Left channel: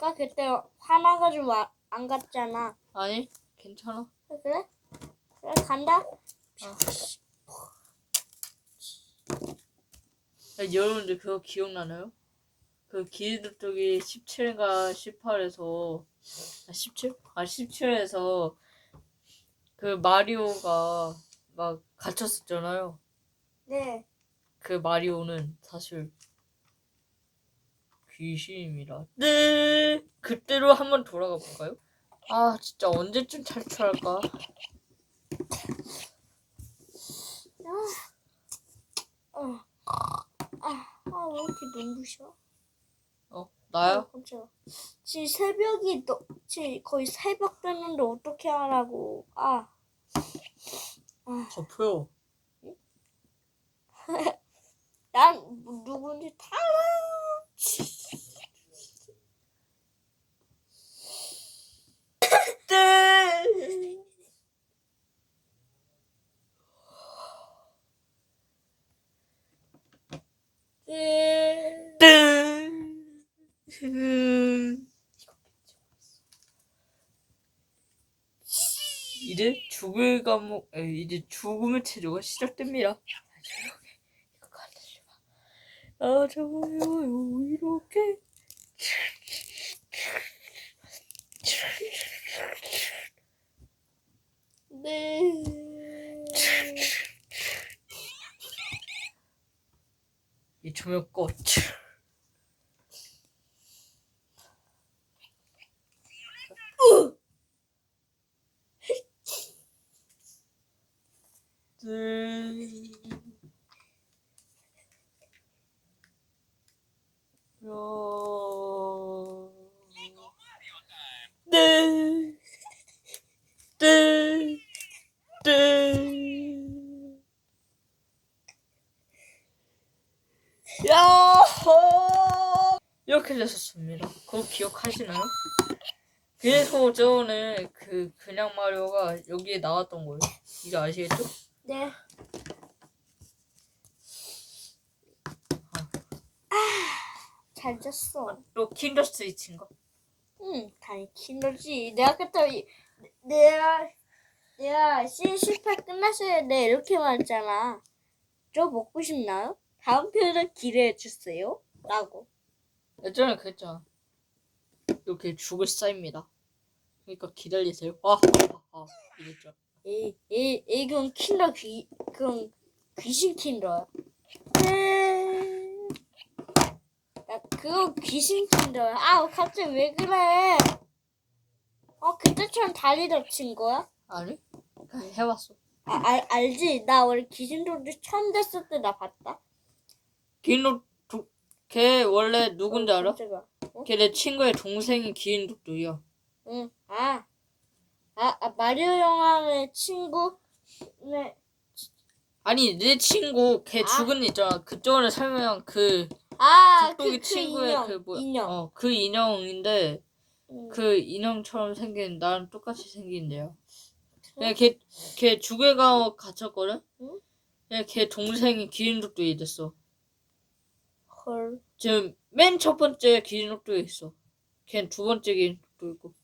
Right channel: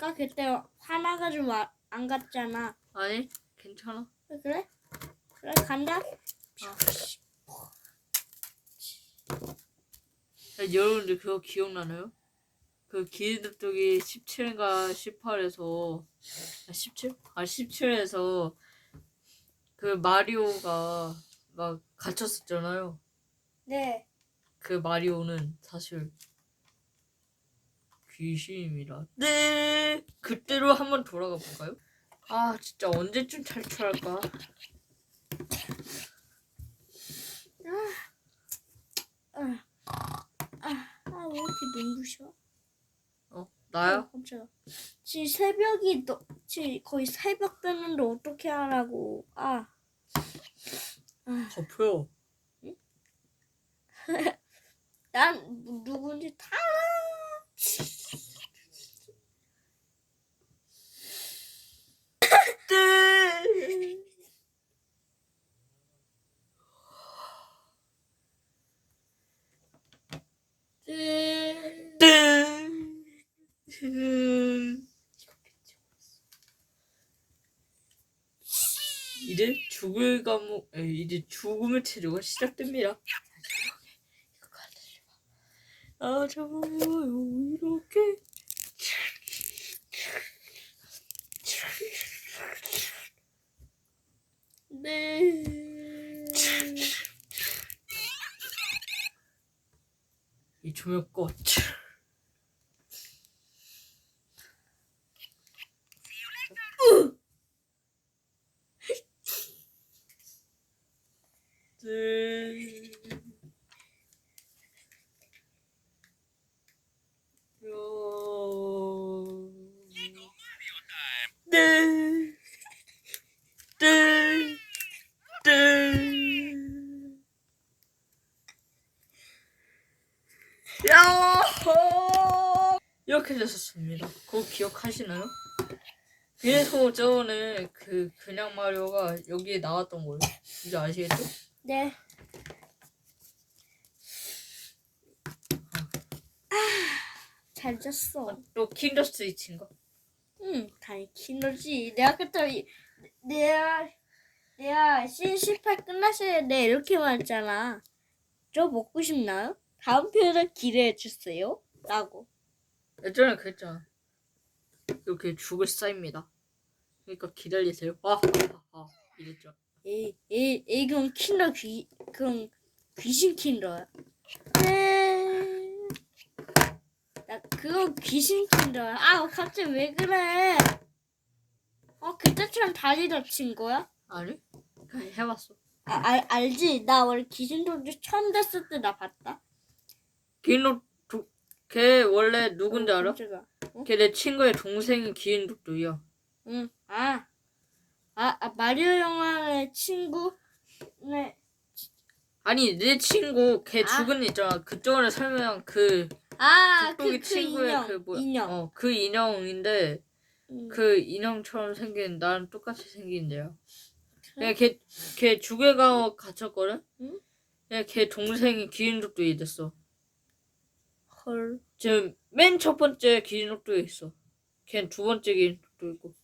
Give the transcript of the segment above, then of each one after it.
해줄까? 그때 화나가지고 아- 안 갔잖아. 아니 괜찮아. 그래? 그래 간다. 야, 여러분들 그거 기억나나요? 그 기드쪽이 17인가 18에서 아 17? 아 17에서 그 마리오가 막 갇혔었잖아요. 네. 그 마리오는 사실 귀신입니다. 네. 그때로 한번 돌아가 볼까요? 아 진짜 언제쯤 탈출할까? 아, 아, 아, 왜 이렇게 눈부셔? 어 나요? 깜짝이야. 지금 새벽이 너, 지금 거의 새벽 됐는데 어떻게 하라고? 아, 덮어요. 난뭐 누군지 다. 네. 네. 네. 이제 죽을 감옥, 에이, 이제 죽음의 체조가 시작됩니다. 아, 정말요, 이렇게. 네. 이 조명 꺼. 네. 요. 네. 네. 네. 야호! 이렇게 됐었습니다. 그거 기억하시나요? 그래서 저번에 그 그냥 마리오가 여기에 나왔던 거예요. 이거 아시겠죠? 네. 잘 잤어. 또 킨더 스위치인가? 응, 당연히 킨더지. 내가 그때 이- 내가 내가 C18 끝났을 때 이렇게 말했잖아. 저 먹고 싶나요? 다음 편을 기대해 주세요. 라고. 예전에 그랬잖아. 이렇게 죽을 쌓입니다. 그러니까 기다리세요. 아, 아, 아, 이랬죠. 에이, 에이, 그건 킨더 귀, 그건 귀신 킨더야. 네. 나 그거 귀신 킨더야. 아, 갑자기 왜 그래? 어, 그때처럼 다리 다친 거야? 아니? 해봤어. 아, 알, 알지? 나 원래 귀신 도주 처음 됐을 때 나 봤다. 기인독, 걔 원래 누군지 알아? 깜짝이야. 걔내 친구의 동생이 기인독도이야. 응. 아. 아, 아 마리오 영화의 친구? 네. 아니 내 친구 걔 아. 죽은 애 있잖아. 그쪽에 설명한 그 아, 그, 그 친구의 인형. 그 뭐야? 인형. 어, 그 인형인데 응. 그 인형처럼 생긴 나랑 똑같이 생긴데요. 그냥 걔, 걔 주괴가 갇혔거든? 응? 그냥 걔 동생이 기인독도에 됐어. 헐. 지금 맨 첫 번째 기인독도에 있어. 걔는 두 번째 기인독도 있고.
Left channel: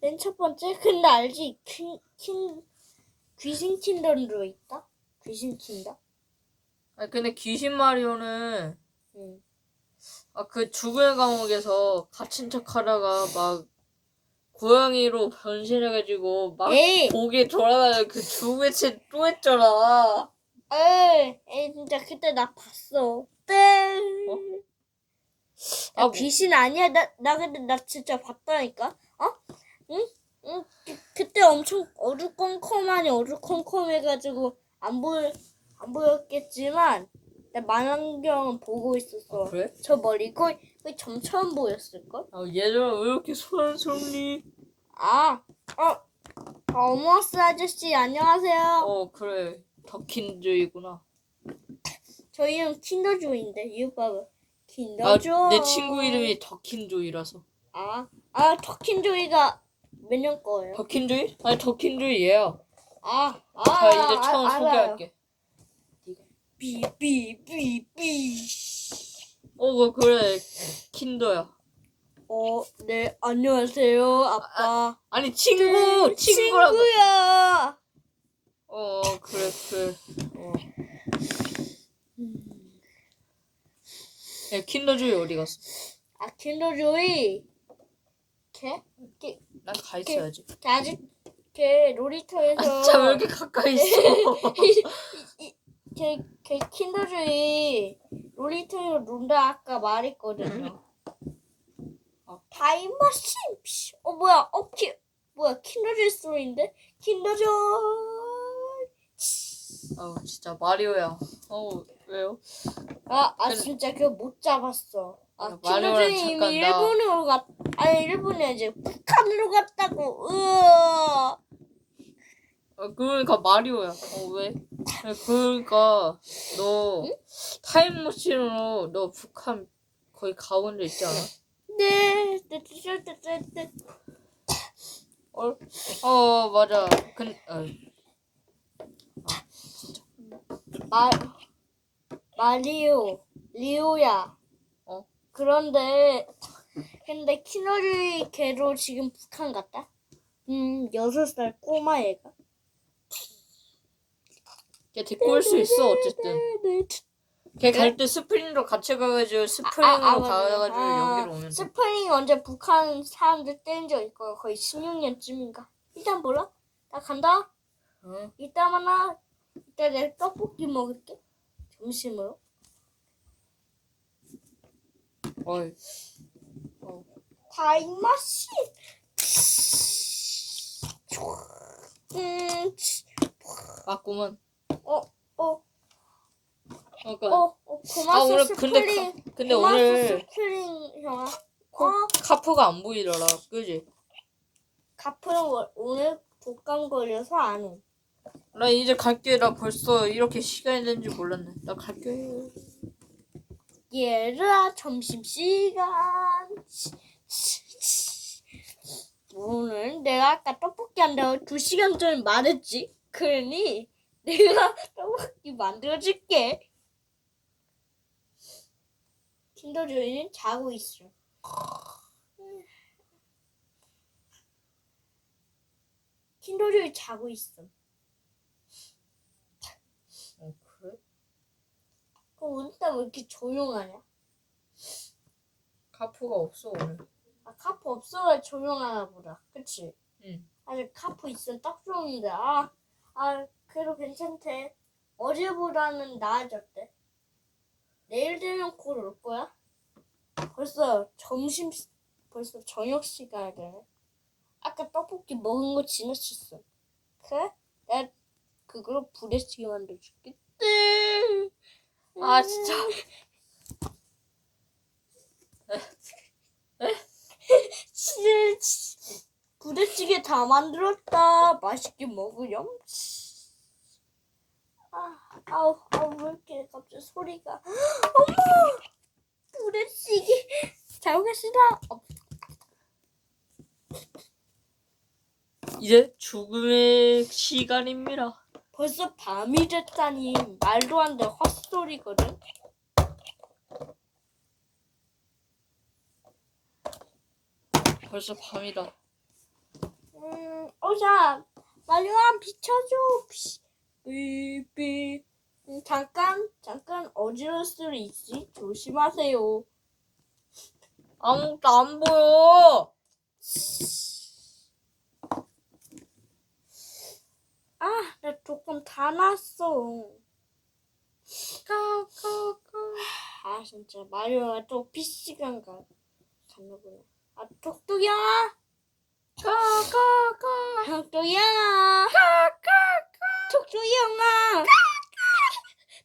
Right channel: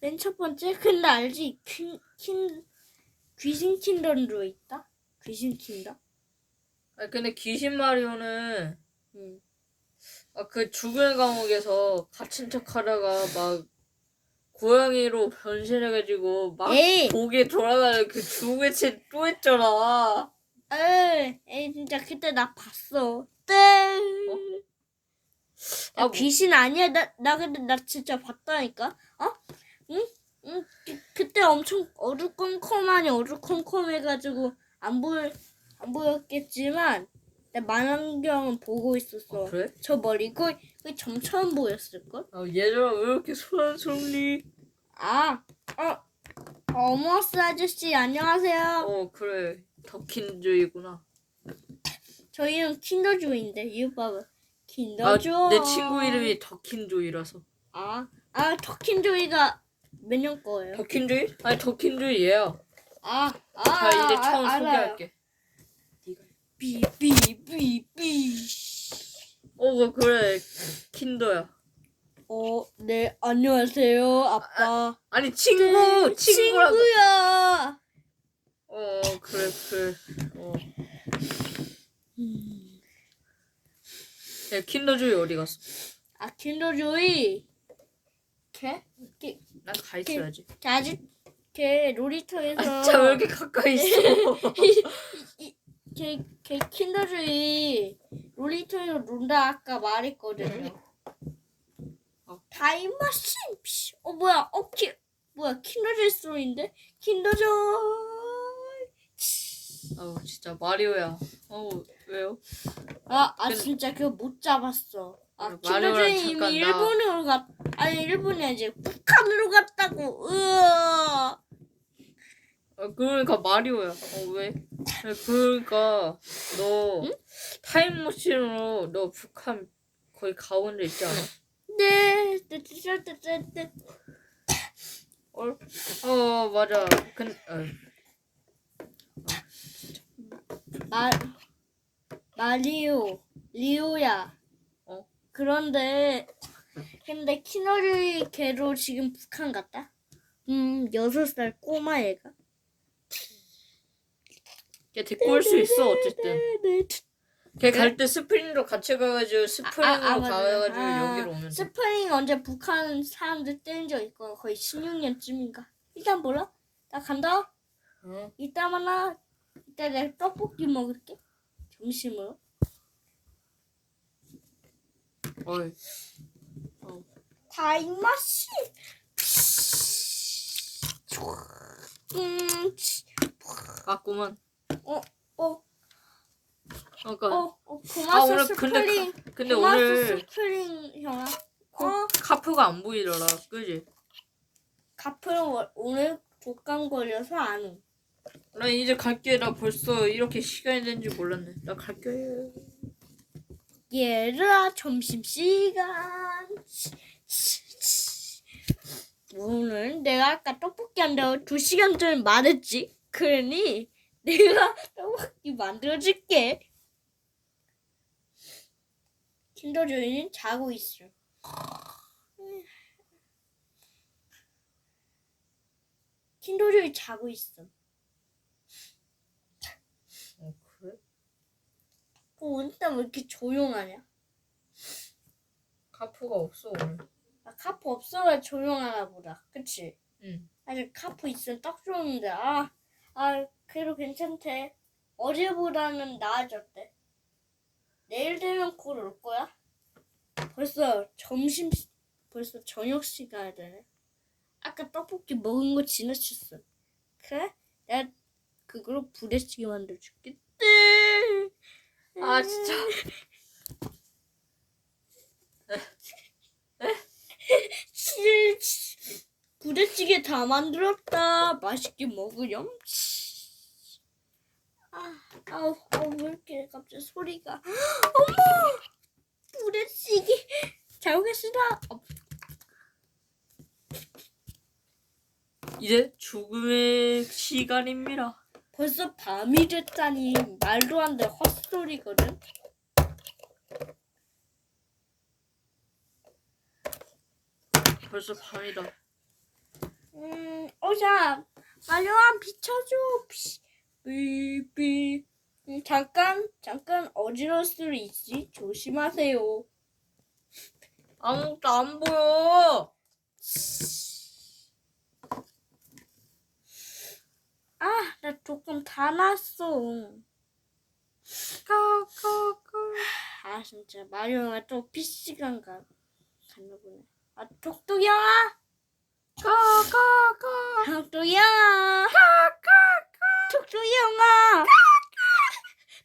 맨 첫 번째? 근데 알지? 퀸, 퀸, 귀신 킨더로 있다? 귀신 킨더? 아 근데 귀신 마리오는 응. 아 그 죽은 감옥에서 갇힌 척하다가 막 고양이로 변신해가지고 막 에이! 고개 돌아가는 그 죽음의 채 또 했잖아. 에이, 진짜 그때 나 봤어. 네. 아, 나 뭐- 귀신 아니야. 나, 나 근데 나 진짜 봤다니까. 어? 응? 응? 그, 그때 엄청 어두컴컴하니 어두컴컴해가지고 안 보여 안 보였겠지만 나 만안경 보고 있었어. 아, 그래? 저 머리 거의, 거의 점처럼 보였을 걸? 아 얘들아 왜 이렇게 소란스럽니? 아, 어, 어머스 아저씨 안녕하세요. 어 그래 더킨조이구나. 저희는 킨더조인데 이 봐봐. 아 킨더조. 내 친구 이름이 더킨조이라서. 아, 아 터킨조이가 몇 년 거예요? 더킨조이? 아니 더킨조이 얘야. 아, 아, 자 이제 처음 아. 소개할게. 삐삐삐삐. 어 그래 킨더야. 어, 네, 안녕하세요, 아빠. 아 니 친구 친구라고. 친구야. 어 그래 그래. 어. 음. 야 킨더조이 어디 갔어? 아, 킨더조이. 걔? 걔, 난 가 있어야지. 걔 아직 걔 놀이터에서 아 진짜 왜 이렇게 가까이 있어? 걔, 걔 킨더조이 놀이터에서 논다 아까 말했거든요. 어. 타임머신. 피. 어 뭐야? 어 키, 뭐야? 킨더조이 소리인데? 킨더조 이. 아우 진짜 마리오야. 어우 왜요? 아, 아 근데- 진짜 그거 못 잡았어. 아, 야, 마리오랑 잠깐 나- 일본으로 갔, 아니 일본에 이제 북한으로 갔다고. 으아. 아, 그러니까 마리오야. 어 왜? 아, 그러니까 너 타임머신으로 너 북한 가본 적 있지 않아? 네, 네, 네, 네, 네, 네. 어, 어 맞아. 근 어, 마 마리오 리오야. 어? 그런데 근데 키너리 걔로 지금 북한 갔다. 음 여섯 살 꼬마 애가. 걔 데리고 올 수 있어 어쨌든. 네. 걔갈 때 스프링으로 같이 가가지고 스프링으로 아, 아, 맞아. 가가지고 아, 여기로 돼. 스프링 언제 북한 사람들 때린 적 있고 거의 16년쯤인가. 일단 몰라. 나 간다. 어? 이따 만나. 이따 내가 떡볶이 먹을게. 점심으로. 어이. 타임머신. 음, 치, 맞구만. 어, 어, 그러니까 어, 어, 고마워 아 오늘 근데. 카, 근데 오늘 스프링 형아. 코, 어, 카프가 안 보이더라. 그지? 카프는 워- 오늘 독감 걸려서 안 오. 나 이제 갈게. 나 벌써 이렇게 시간이 된 줄 몰랐네. 나 갈게. 얘들아 점심 시간. 오늘 내가 아까 떡볶이 한다고 두 시간 전에 말했지. 그러니 내가 떡볶이 만들어줄게. 킨더조이는 자고 있어. 킨더조이 자고 있어. 어 그래? 그 오늘따라 왜 이렇게 조용하냐? 카프가 없어 오늘. 아 카프 없어야 조용하나 보다. 그치? 응. 아니 카프 있으면 딱 좋은데 아, 아 그래도 괜찮대 어제보다는 나아졌대 내일 되면 곧 올 거야 벌써 점심 시- 벌써 저녁 시간이 되네 아까 떡볶이 먹은 거 지나쳤어 그래? 내가 그걸로 부대찌개 만들어줄게 네. 아 진짜. 치- 치- 부대찌개 다 만들었다. 맛있게 먹으렴. 아, 아우, 아우, 왜 이렇게 갑자기 소리가. 어머! 부대찌개. 잘 먹겠습니다. 어, 이제 죽음의 시간입니다. 벌써 밤이 됐다니 말도 안 돼. 헛소리거든. 벌써 밤이다. 음, 오자. 말로한 비춰줘. 피, 삐삐. 음, 잠깐, 잠깐 어지러울 수 있지. 조심하세요. 아무것도 안 보여. 조금 다 났어. 까까까. 아, 진짜 마리오가 또 PC방 가 갔나 보네. 아, 톡톡이 형아, 까까까. 톡톡이 형아, 까까까. 톡톡이 형아,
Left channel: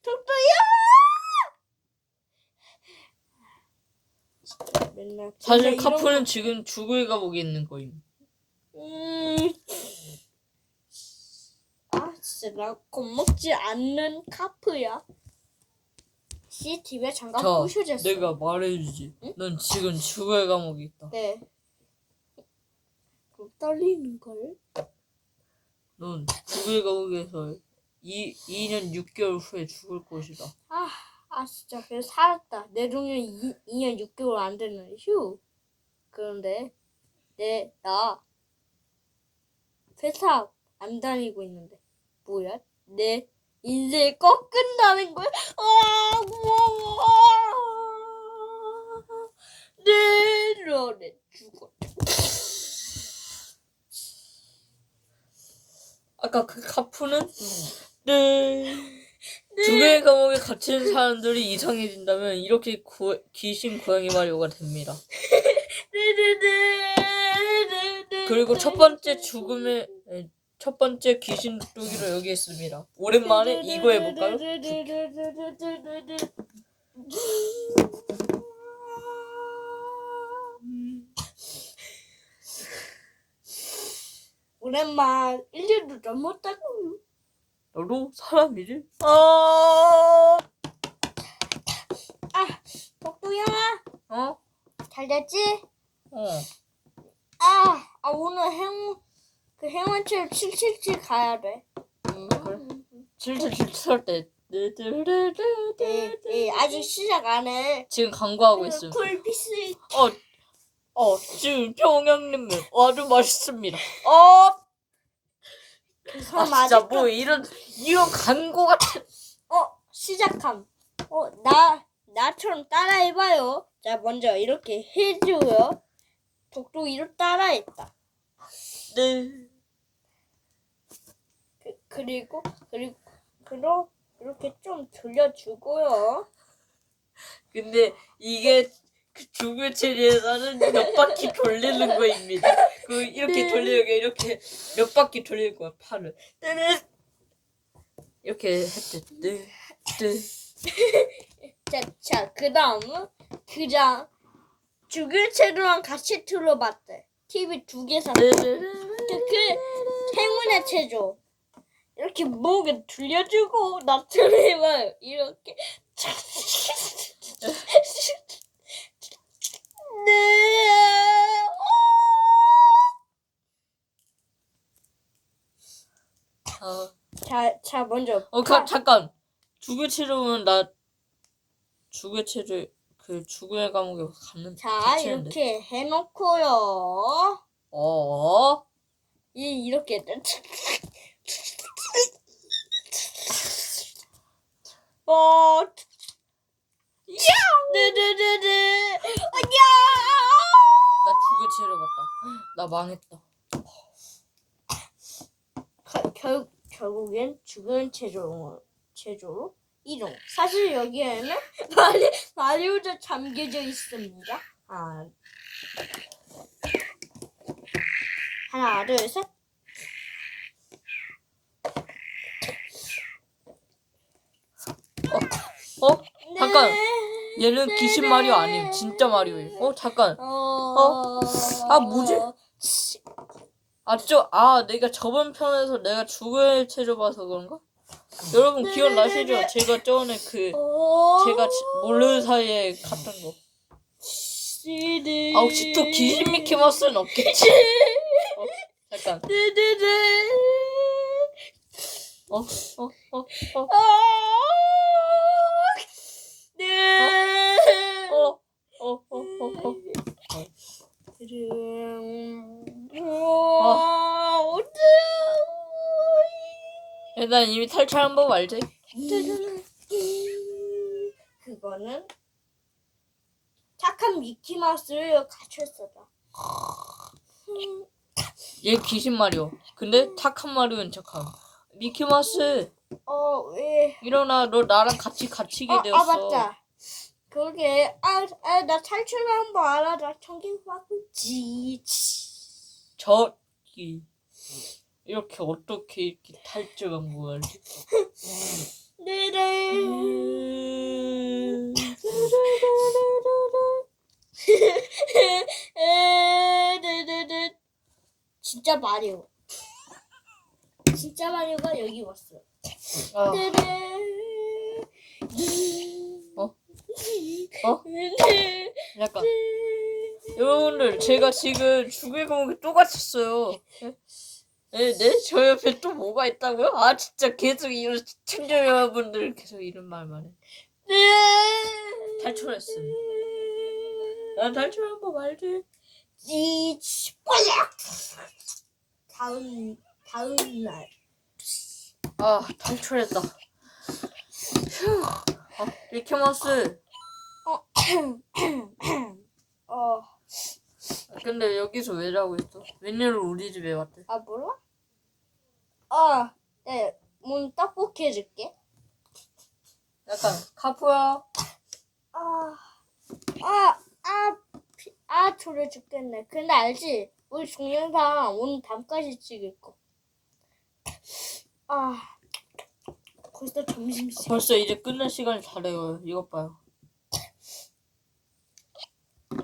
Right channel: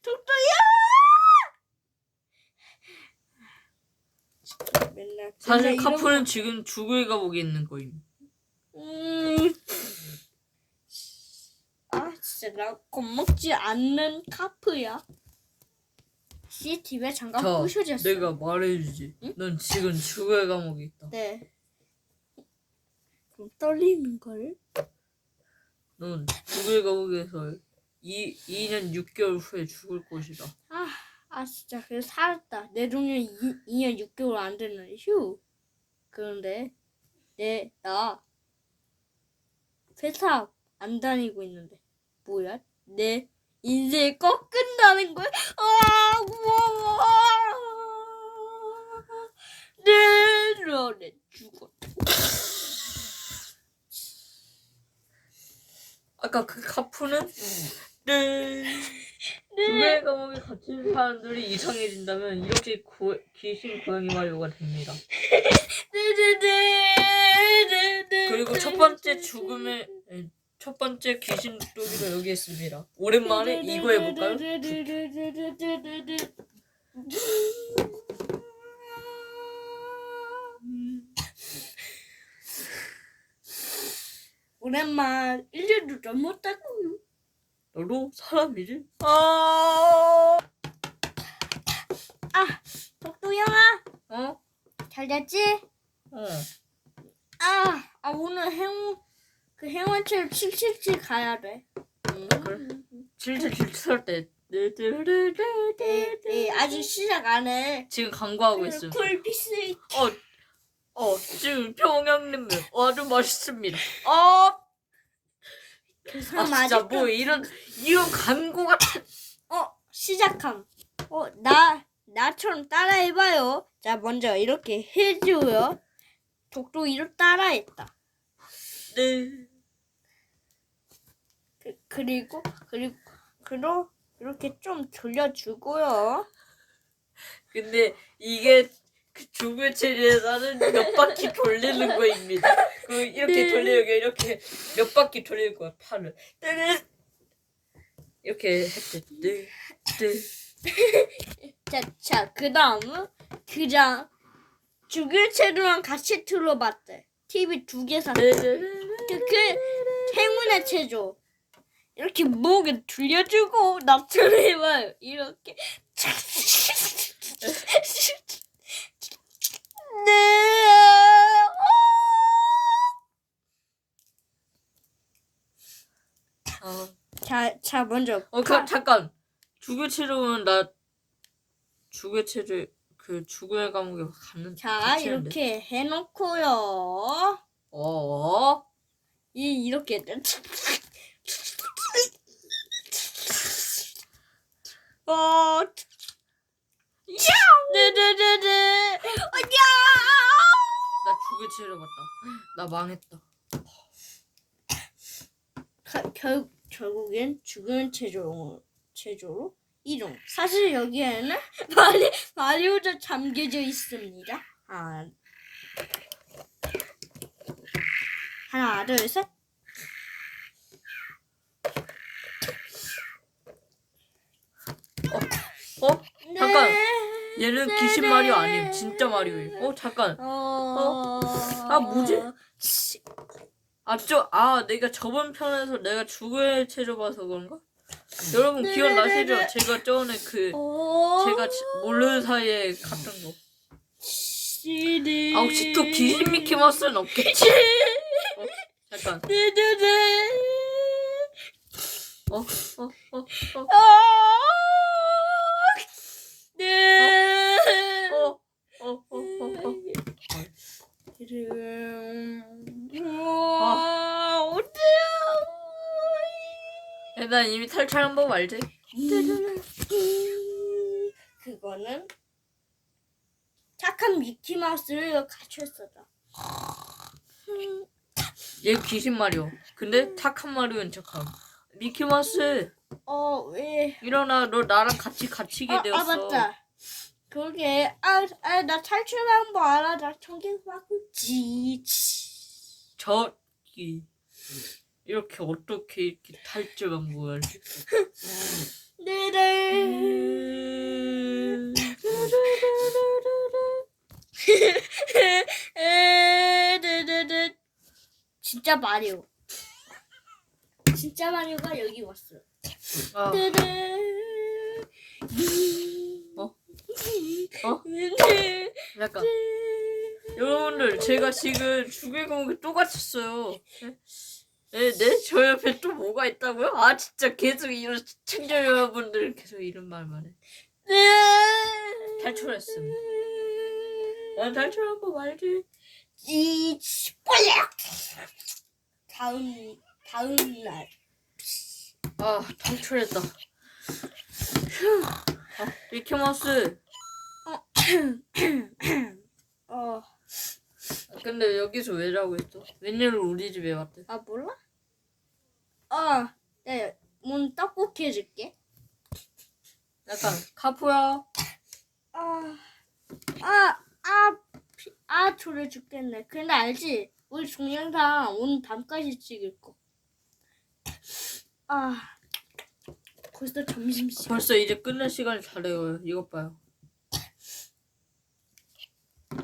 톡톡이 형아. 맨날 사실 맨날 이런 지금 죽을 가보게 있는 거임. 음. 아 진짜 나 겁먹지 않는 카프야. CCTV에 잠깐 자, 부셔졌어. 내가 말해주지. 응? 넌 지금 죽을 감옥에 있다. 네. 좀 떨리는 걸. 넌 죽을 감옥에서 이 2년 6개월 후에 죽을 것이다. 아, 아 진짜 그래 살았다. 내 동료 2, 2년 6개월 안 됐는데 휴. 그런데 내 나 회사 안 다니고 있는데 뭐야? 내 인생이 꺾인다는 거야? 아, 우와. 내 너네 죽어. 아까 그 카푸는 네. 두 개의 감옥에 갇힌 사람들이 이상해진다면 이렇게 고, 귀신 고양이 마리오가 됩니다. 그리고 첫 번째 죽음의 에, 첫 번째 귀신 돋보기로 여기 있습니다. 오랜만에 이거 해볼까요? 오랜만 1년도 넘었다고. 너도 사람이지? 아, 독도 형아, 어? 잘 됐지? 어. 아, 아 오늘 행운 그 행운체로 777 가야 돼. 음, 그래. 질질 질질 때. 네, 네, 아직 시작 안 해. 지금 광고하고 있음. 쿨피스. 어, 어, 지금 평양냉면 아주 맛있습니다. 어, 그아 진짜 뭐 이런 이런 광고 같은. 어 시작함. 어 나 나처럼 따라해봐요. 자 먼저 이렇게 해줘요. 독도 이렇게 따라했다. 네. 그, 그리고 그리고 그리고 이렇게 좀 돌려주고요. 근데 이게 그 죽을 체리에서는 몇 바퀴 돌리는 거입니다. 그 이렇게 돌리게 이렇게 몇 바퀴 돌릴 거야 팔을. 뜨르. 이렇게 했대. 네. 네. 자, 자, 그 다음은 그장 주교체로랑 같이 틀어봤대. TV 두개 샀대. 네. 그, 그 행운의 체조. 이렇게 목에 돌려주고 나처럼 해봐요. 이렇게. 네. 어, 자, 자 먼저. 어 그, 잠깐. 죽을 체리는 나 죽을 체리 그 죽음의 감옥에 갔는. 자. 이렇게 해놓고요. 어. 이 이렇게. 어. 야! 네네네네. 야! 나 죽을 체리 봤다. 나 망했다. 가- 결 결국엔 죽은 체조 체조로 이동. 사실 여기에는 마리 마리오도 잠겨져 있습니다. 아. 하나, 둘, 셋. 어? 잠깐. 네. 얘는 귀신 마리오 아니에요. 진짜 마리오예요. 어 잠깐. 어. 아, 뭐지? 아, 저, 아, 내가 저번 편에서 내가 죽을 체조 봐서 그런가? 여러분 기억나시죠? 제가 전에 그, 어. 제가 지- 모르는 사이에 갔던 거. 아, 혹시 또 귀신 미키 마우스는 없겠지? 어, 잠깐. 어, 어, 어, 어, 아, 어때요? 야, 난 이미 탈출한 법 알지? 그거는 착한 미키 마우스를 갖췄었다. 얘 귀신 마리오. 근데 착한 마리오는 착함. 미키마우스, 어 왜? 일어나. 너 나랑 같이 갇히게 아, 되었어. 아 맞다. 그게 아아나 탈출한 거 알아. 나 청경 받고 지. 저기 이렇게 어떻게 이렇게 탈주한 거야? 네네. 음... 진짜 마리오. 진짜 마리오가 여기 왔어. 아. 어? 어? 잠깐. 여러분들 제가 지금 죽일 공기 또 갇혔어요. 네? 네, 네? 저 옆에 또 뭐가 있다고요? 아 진짜 계속 이런 시청자 여러분들 계속 이런 말만 해. 네. 탈출했음. 난 탈출한 거 말지. 이 빨리. 다음 다음 날. 아 탈출했다. 휴. 아, 미키마우스. 어. 근데 여기서 왜 자고 있어? 웬일로 우리 집에 왔대? 아 몰라? 아, 네, 문 떡볶이 해줄게. 약간 카푸야. 아, 아, 아, 피- 아, 졸려 죽겠네. 근데 알지? 우리 동영상 오늘 밤까지 찍을 거. 아, 벌써 점심 시간. 벌써 이제 끝낼 시간이 다 돼요. 이것 봐요.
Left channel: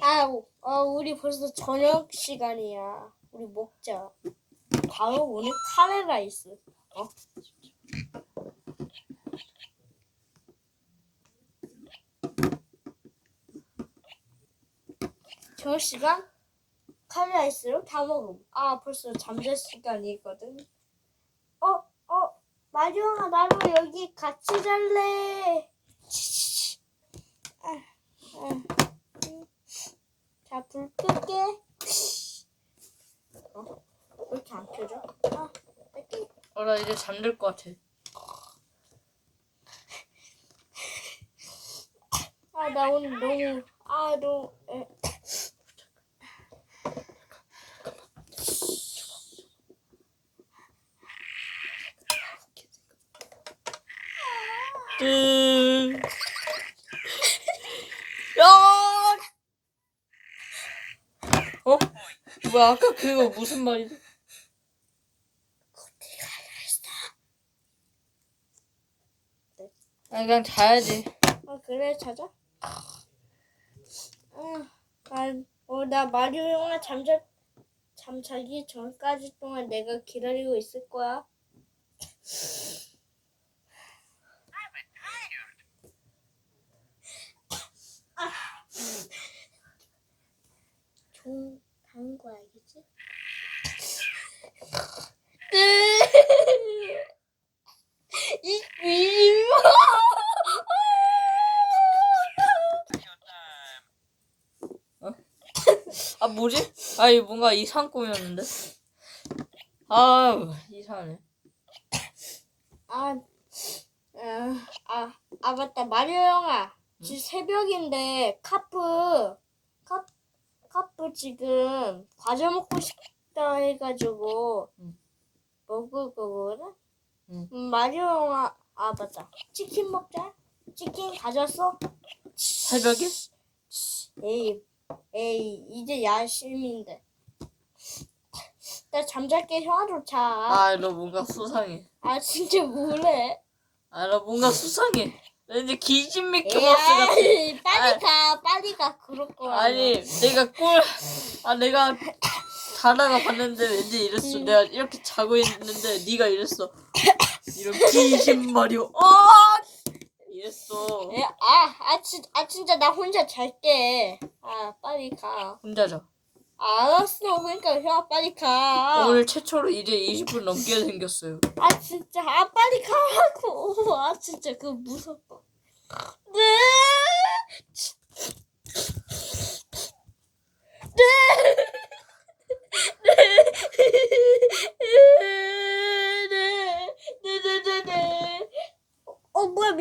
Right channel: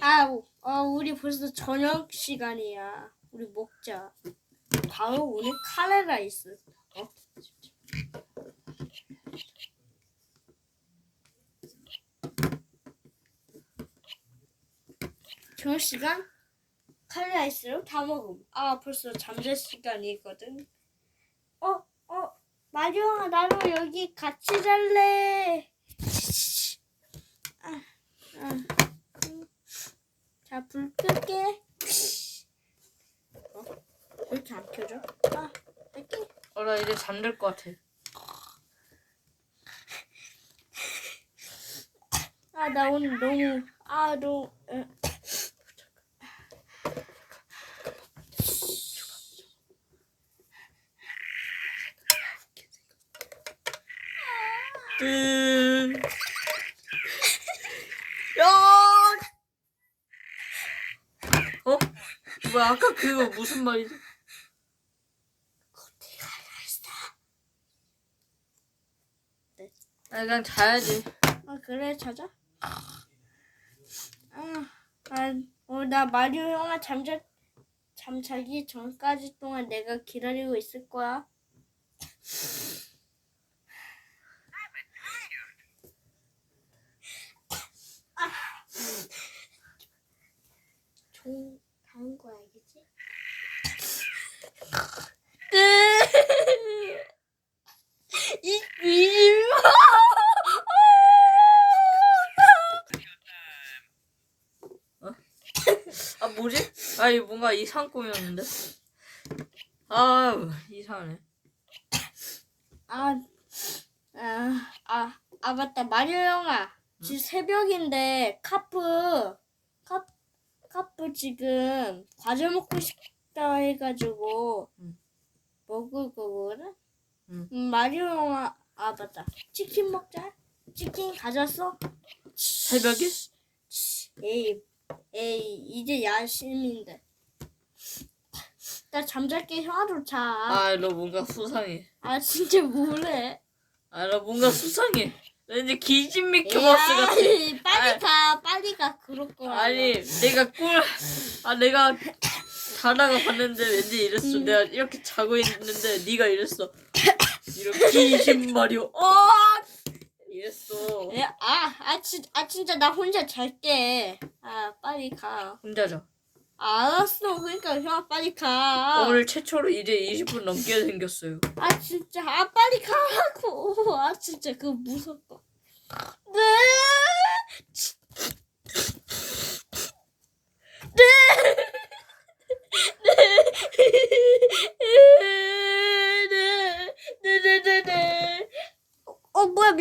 아, 우- 어, 우리 벌써 저녁 시간이야. 우리 먹자. 바로 오늘 카레라이스. 어? 저녁 시간 카레라이스를 다 먹음. 아, 벌써 잠잘 시간이거든. 어, 어, 마리오가 나랑 여기 같이 잘래. 아, 아. 자, 불 끌게. 어? 왜 이렇게 안 켜져? 아, 끌게. 어, 나 이제 잠들 것 같아. 아, 나 오늘 너무, 아, 너무, 에. 뜨. 야! 어? 뭐야 아까 그거 무슨 말이지? 아 그냥 자야지. 아, 그래, 자자. 아, 난, 어, 나 마리오 형아 잠자, 잠자기 전까지 동안 내가 기다리고 있을 거야. 아. 종, 다은 거야, 알겠지? 이 미임. 아 뭐지? 아니 뭔가 이상한 꿈이었는데. 아 이상하네. 아, 아, 아, 아 맞다 마리오 형아 지금 새벽인데 카프 카, 카프 지금 과자 먹고 싶다 해가지고 응. 먹을 거거든 응. 음, 마리오 형아 아 맞다 치킨 먹자 치킨 가졌어 새벽에? 에이 에이 이제 야심인데 나 잠잘게 형아도 자 아 아 너 뭔가 수상해. 진짜 뭐래 아나 뭔가 수상해. 왠지 기진 미키마우스 같아. 에이, 빨리 아. 가, 빨리 가, 그럴 거야. 아니 내가 꿀. 아 내가 자다가 봤는데 왠지 이랬어. 음. 내가 이렇게 자고 있는데 네가 이랬어. 이런 기진 마리오. 어! 이랬어. 에, 아, 아, 진, 아, 진짜 나 혼자 잘게. 아, 빨리 가. 혼자 자. 알았어, 그러니까 형 빨리 가. 오늘 최초로 이제 20분 넘게 생겼어요. 아, 진짜, 아, 빨리 가라고. 아, 진짜 그거 무섭다. 네. 네. 네. 네. 네. 네. 네. 네. 어, 뭐야,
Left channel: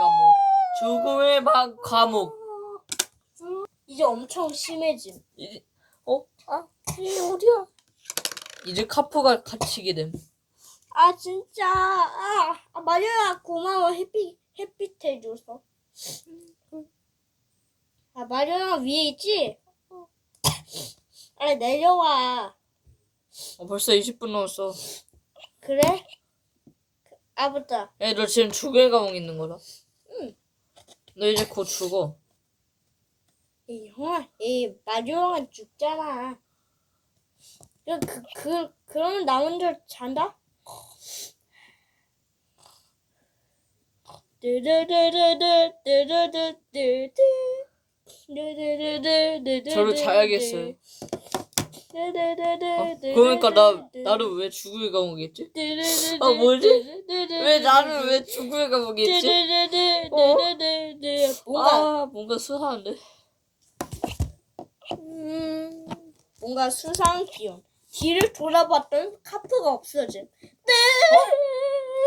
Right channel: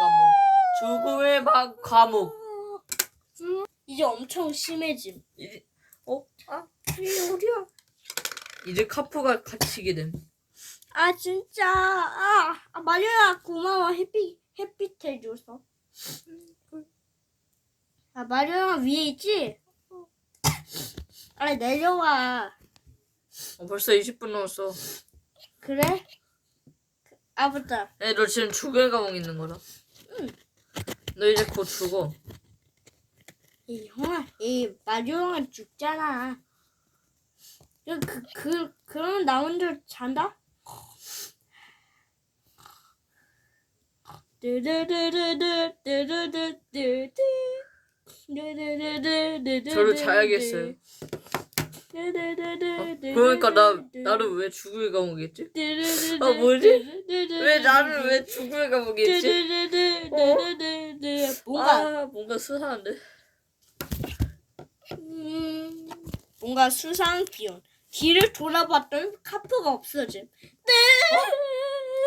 감옥. 죽음의 방 감옥. 이제 엄청 심해짐. 이제 어? 아 이게 어디야? 이제 카프가 갇히게 됨. 아 진짜 아, 아 마리아 고마워 햇빛 햇빛 해줘서. 아 마리아 위에 있지? 아 내려와. 어, 벌써 20분 넘었어. 그래? 아 맞다. 야, 너 지금 죽음의 감옥 있는 거다. 응. 너 이제 곧 죽어. 이 형아, 이 마리오 형아 죽잖아. 그, 그, 그, 그러면 나 혼자 잔다? 저를 자야겠어요. 어, 그러니까 나 나를 왜 죽을 감옥이지? 아, 뭐지? 왜 나를 왜 죽을 감옥이지? 뭔가 아 뭔가 수상한데. 음, 뭔가 수상한 기운. 뒤를 돌아봤더니 카프가 없어진. 네.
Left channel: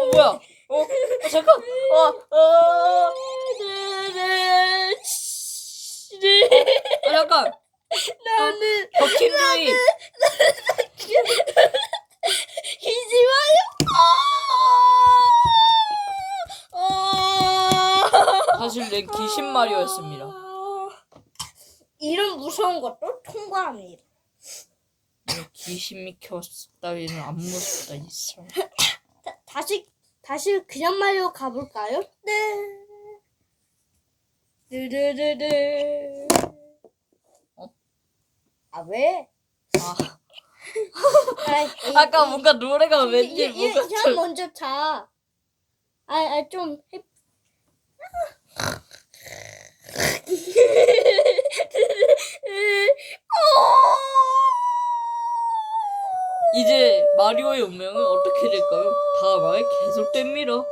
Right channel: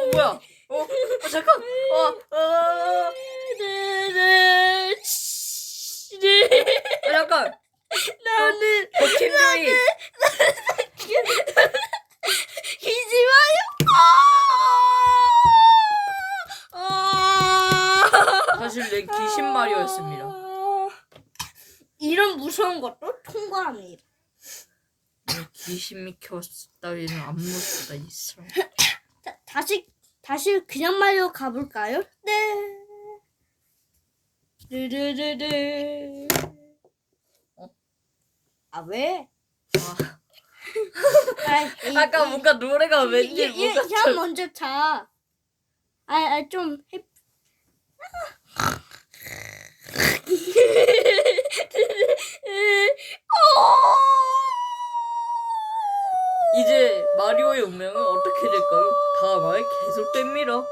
어 뭐야? 어, 어 잠깐. 어, 어, 네, 어 잠깐. 나는 어 김종이. 기지 마요. 아! 사실 내 귀신 말이었습니다. 이런 무서운 것도 통과합니다. 귀신이 켰다위는 안 무섭다 있어. 다, 다시 다시 그냥 말로 가볼까요? 네. 르르르르. 어? 아 왜? 아, 아, 이- 아까 이- 뭔가 노래가 이- 왠지 뭔가 형 먼저 자. 아, 아, 좀 해. 이제 마리오의 운명은 어떻게 될까요? 다음에 계속 됩니다.